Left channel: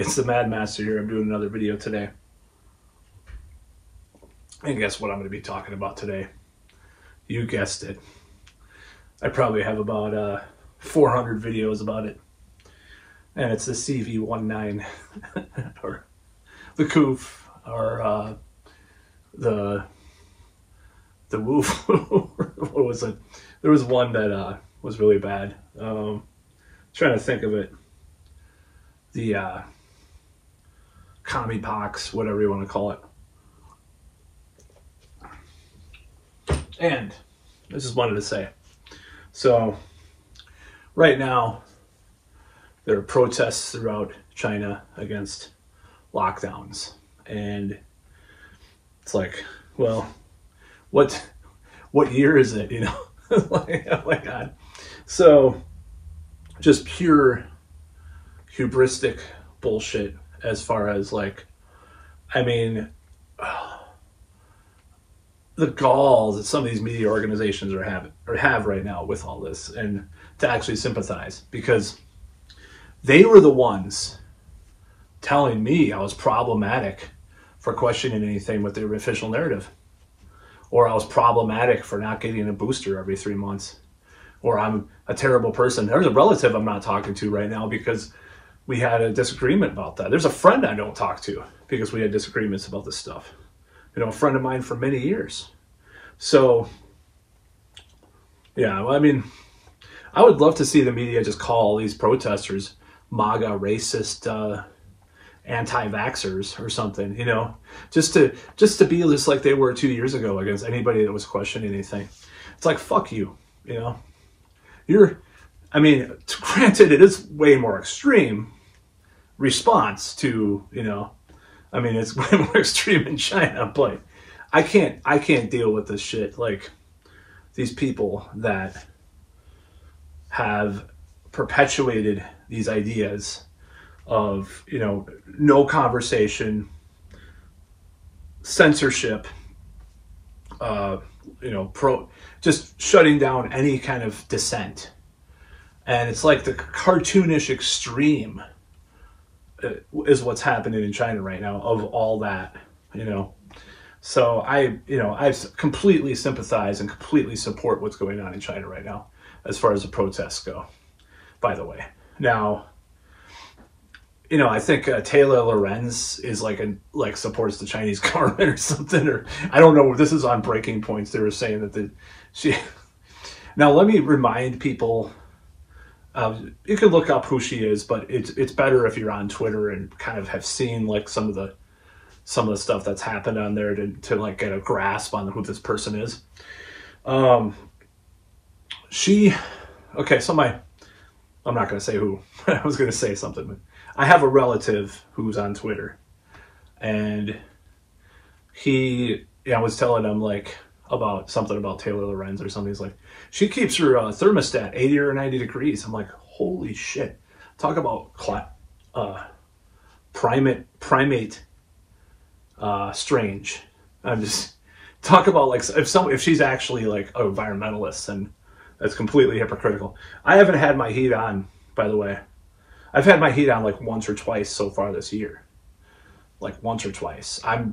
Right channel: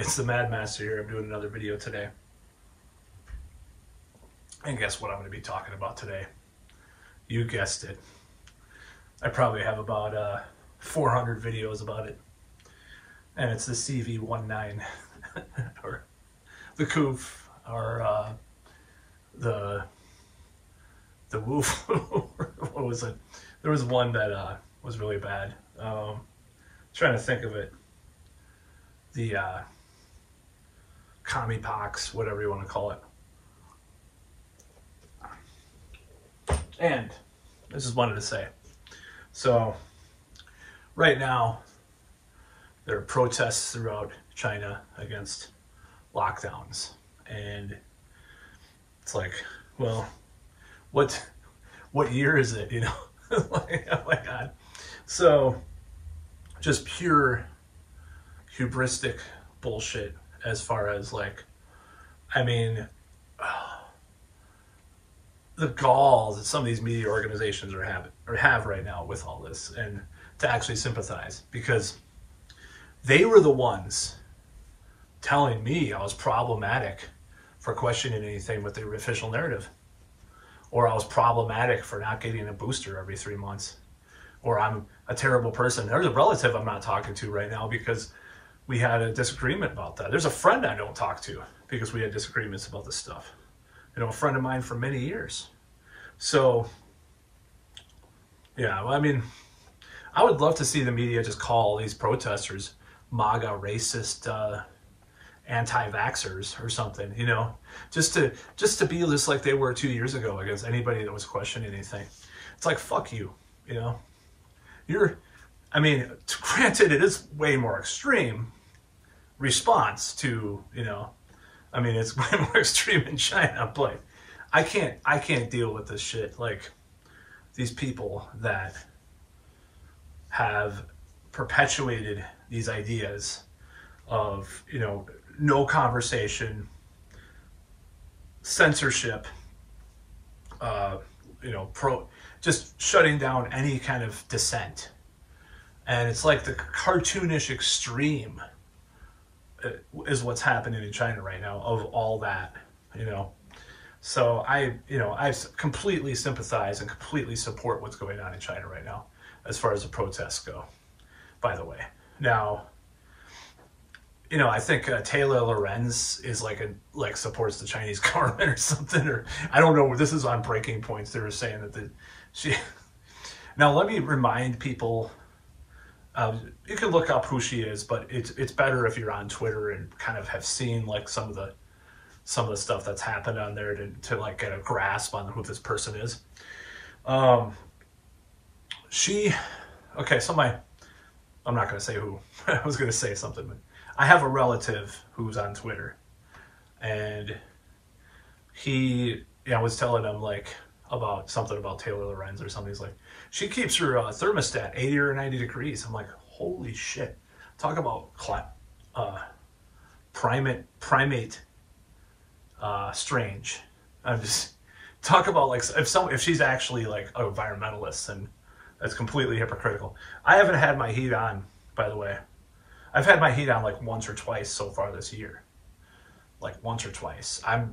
It's the Mad Master here. I'm doing another video today. And guess what I'm going to be talking about today? You guessed it. I probably have about 400 videos about it. And it's the CV-19, or the Koof, or the Woof. What was it? There was one that was really bad. Trying to think of it. The commie pox, whatever you want to call it. And I just wanted to say, so right now there are protests throughout China against lockdowns, and it's like, well, what year is it, you know? Like, oh my God. So just pure hubristic bullshit as far as, like, I mean, the gall that some of these media organizations have right now with all this, and to actually sympathize, because they were the ones telling me I was problematic for questioning anything with their official narrative, or I was problematic for not getting a booster every 3 months, or I'm a terrible person. There's a relative I'm not talking to right now because we had a disagreement about that. There's a friend I don't talk to because we had disagreements about this stuff. You know, a friend of mine for many years. So, yeah, well, I mean, I would love to see the media just call these protesters Maga racist anti-vaxxers or something, you know, just to be just like they were 2 years ago against anybody that was questioning anything. It's like, fuck you, you know. I mean, granted, it is way more extreme response to, you know, I mean, it's way more extreme in China, but I can't deal with this shit. Like, these people that have perpetuated these ideas of, you know, no conversation, censorship, you know, just shutting down any kind of dissent. And it's like the cartoonish extreme is what's happening in China right now of all that, you know. So I completely sympathize and completely support what's going on in China right now as far as the protests go, by the way. Now, you know, I think Taylor Lorenz is like supports the Chinese government or something, or I don't know. This is on Breaking Points. They were saying that she. Now, let me remind people. You can look up who she is, but it's better if you're on Twitter and kind of have seen like some of the stuff that's happened on there to like get a grasp on who this person is. Okay, so I'm not going to say who. I was going to say something, but I have a relative who's on Twitter, and I was telling him like about something about Taylor Lorenz or something. He's like, she keeps her thermostat 80 or 90 degrees. I'm like, holy shit. Talk about primate strange. I'm just talk about like if she's actually like an environmentalist, and that's completely hypocritical. I haven't had my heat on, by the way. I've had my heat on like once or twice so far this year. Like once or twice. I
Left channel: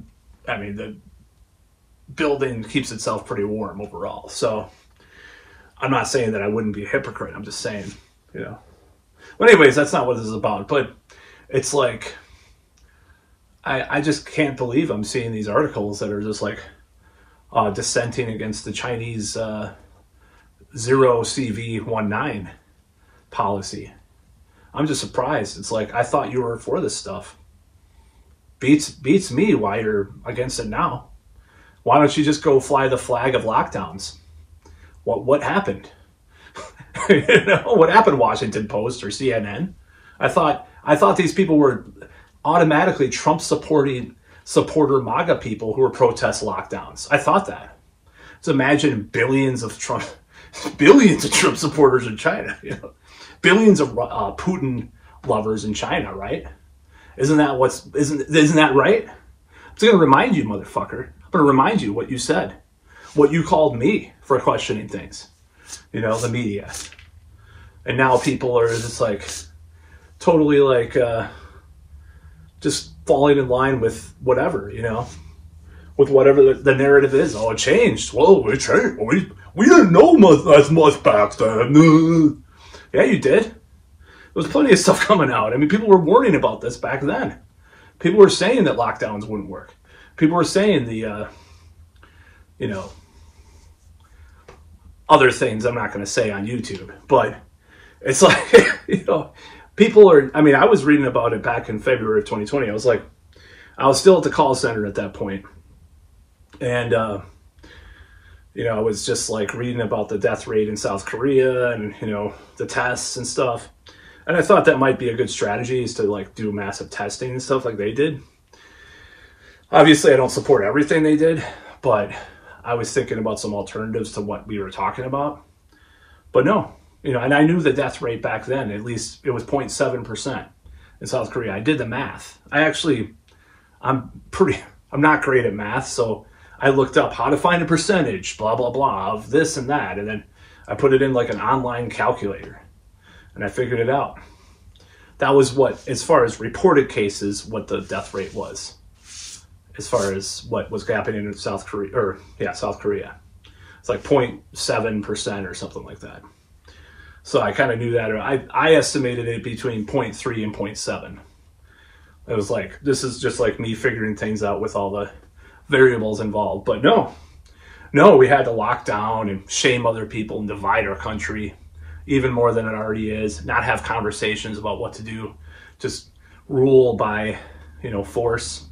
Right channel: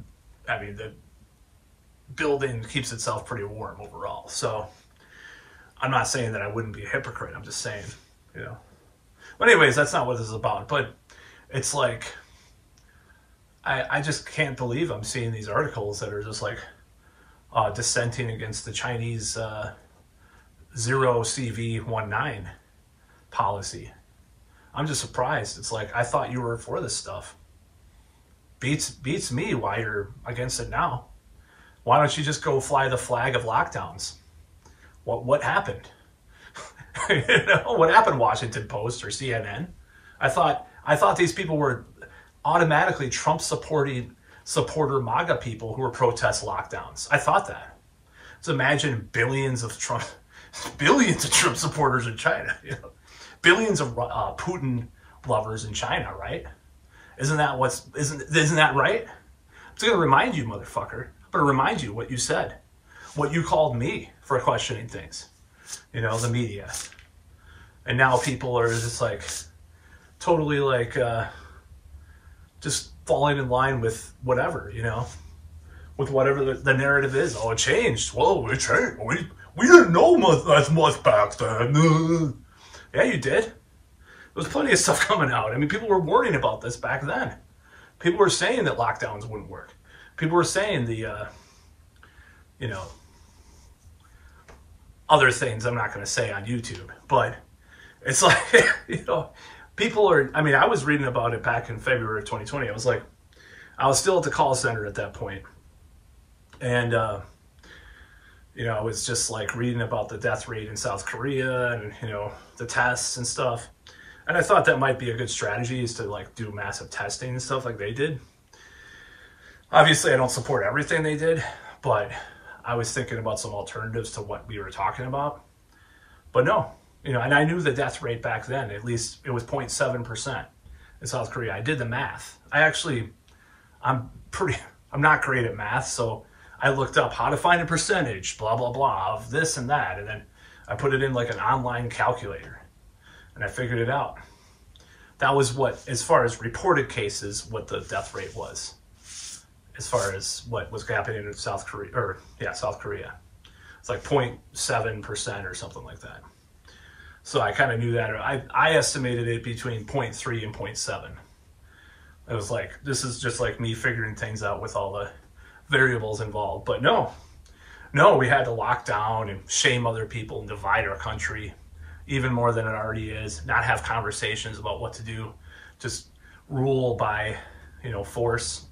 mean, the building keeps itself pretty warm overall. So I'm not saying that I wouldn't be a hypocrite. I'm just saying, you know. But anyways, that's not what this is about. But it's like, I just can't believe I'm seeing these articles that are just like dissenting against the Chinese zero CV-19 policy. I'm just surprised. It's like, I thought you were for this stuff. Beats me why you're against it now. Why don't you just go fly the flag of lockdowns? What happened? You know, what happened, Washington Post or CNN? I thought these people were automatically Trump supporter MAGA people who were protest lockdowns. I thought that. So imagine billions of Trump supporters in China, you know, billions of Putin lovers in China, right? Isn't that right? I'm going to remind you, motherfucker. I'm going to remind you what you said, what you called me for questioning things, you know, the media. And now people are just like totally like just falling in line with whatever, with whatever the narrative is. Oh, it changed. Whoa, it changed. We didn't know as much back then. Yeah, you did. There was plenty of stuff coming out. I mean, people were warning about this back then. People were saying that lockdowns wouldn't work. People were saying the, other things I'm not going to say on YouTube. But it's like, people are, I mean, I was reading about it back in February of 2020. I was still at the call center at that point. And, I was just like reading about the death rate in South Korea and, the tests and stuff. And I thought that might be a good strategy, is to like do massive testing and stuff like they did. Obviously, I don't support everything they did, but I was thinking about some alternatives to what we were talking about. But no, and I knew the death rate back then, at least it was 0.7% in South Korea. I did the math. I'm not great at math, so I looked up how to find a percentage, blah, blah, blah, of this and that. And then I put it in like an online calculator and I figured it out. That was what, as far as reported cases, what the death rate was, as far as what was happening in South Korea, South Korea. It's like 0.7% or something like that. So I kind of knew that. I estimated it between 0.3 and 0.7. It was like, this is just like me figuring things out with all the variables involved. But no, we had to lock down and shame other people and divide our country even more than it already is. Not have conversations about what to do, just rule by, force.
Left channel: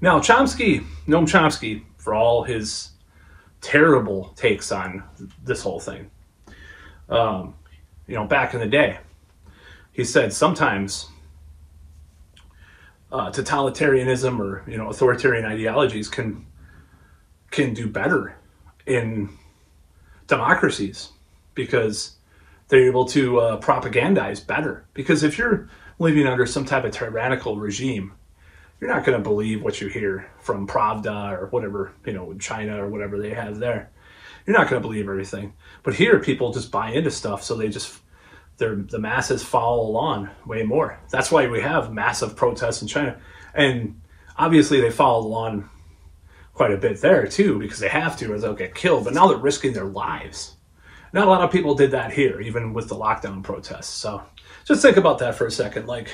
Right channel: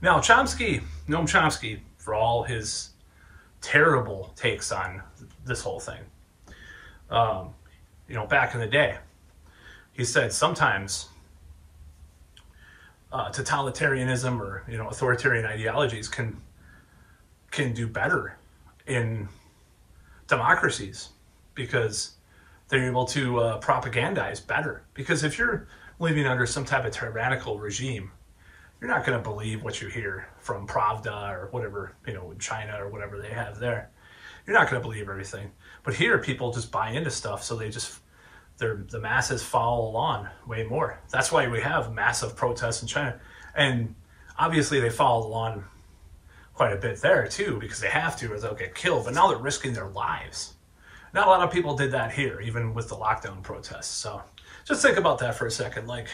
Now, Noam Chomsky, for all his terrible takes on this whole thing, back in the day, he said sometimes totalitarianism or, authoritarian ideologies can do better in democracies because they're able to propagandize better. Because if you're living under some type of tyrannical regime, you're not going to believe what you hear from Pravda or whatever, China or whatever they have there. You're not going to believe everything. But here, people just buy into stuff, so the masses follow along way more. That's why we have massive protests in China. And obviously they follow along quite a bit there too, because they have to or they'll get killed. But now they're risking their lives. Not a lot of people did that here, even with the lockdown protests. So just think about that for a second, like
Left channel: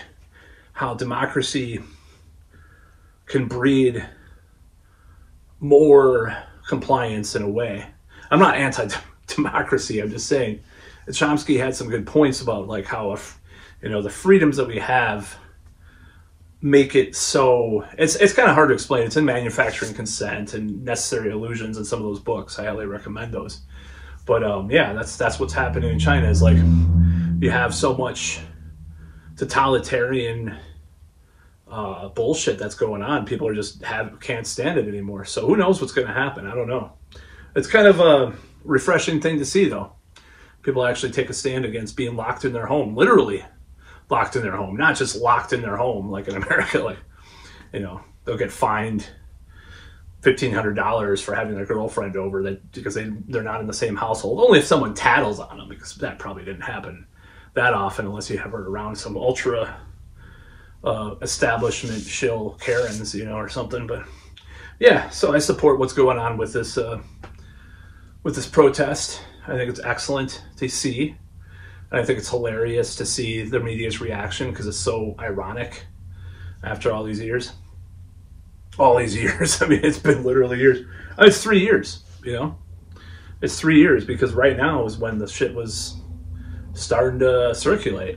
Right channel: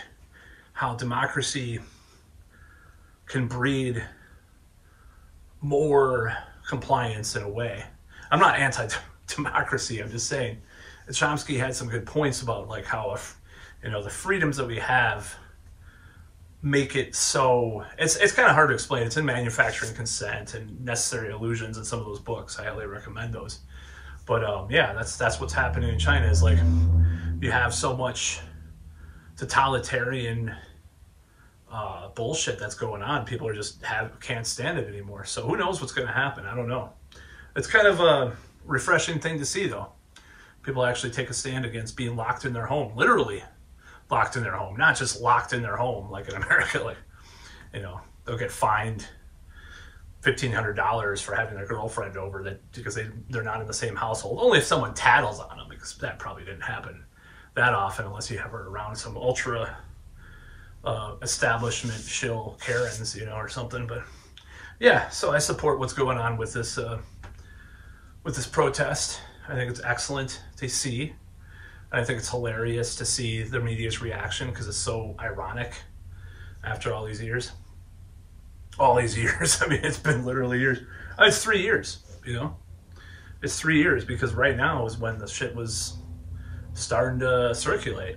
how democracy can breed more compliance in a way. I'm not anti-democracy, I'm just saying Chomsky had some good points about like how, the freedoms that we have make it so, it's kind of hard to explain. It's in Manufacturing Consent and Necessary Illusions and some of those books. I highly recommend those. But that's what's happening in China, is like you have so much totalitarian bullshit that's going on. People are just can't stand it anymore. So who knows what's going to happen? I don't know. It's kind of a refreshing thing to see, though. People actually take a stand against being locked in their home, literally locked in their home, not just locked in their home like in America. Like, they'll get fined $1,500 for having their girlfriend over because they're not in the same household. Only if someone tattles on them, because that probably didn't happen that often unless you have her around some ultra establishment shill Karens, or something. But yeah, so I support what's going on with this protest. I think it's excellent to see. And I think it's hilarious to see the media's reaction, because it's so ironic after all these years. All these years. I mean, it's been literally years. It's 3 years, It's 3 years, because right now is when the shit was starting to circulate.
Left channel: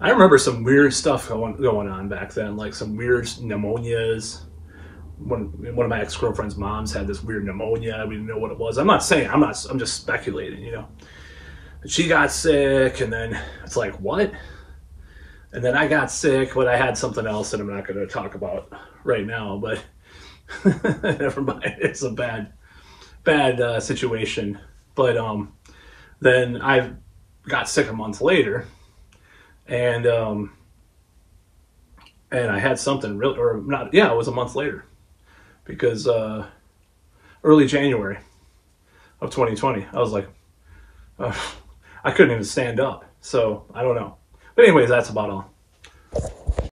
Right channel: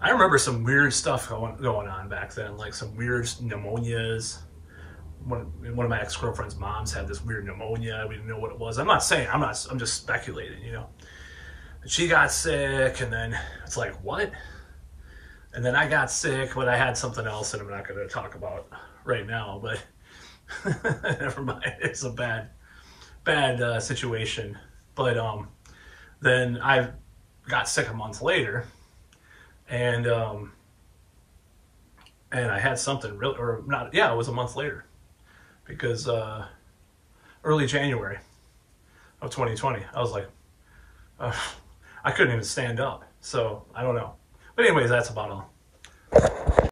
I remember some weird stuff going on back then, like some weird pneumonias. One of my ex-girlfriend's moms had this weird pneumonia. We didn't know what it was. I'm just speculating, But she got sick, and then it's like, what? And then I got sick, but I had something else that I'm not going to talk about right now, but never mind. It's a bad situation. But then I got sick a month later, and I had something really, or not, it was a month later, because early January of 2020, I was like, I couldn't even stand up. So I don't know. But anyways, that's about all.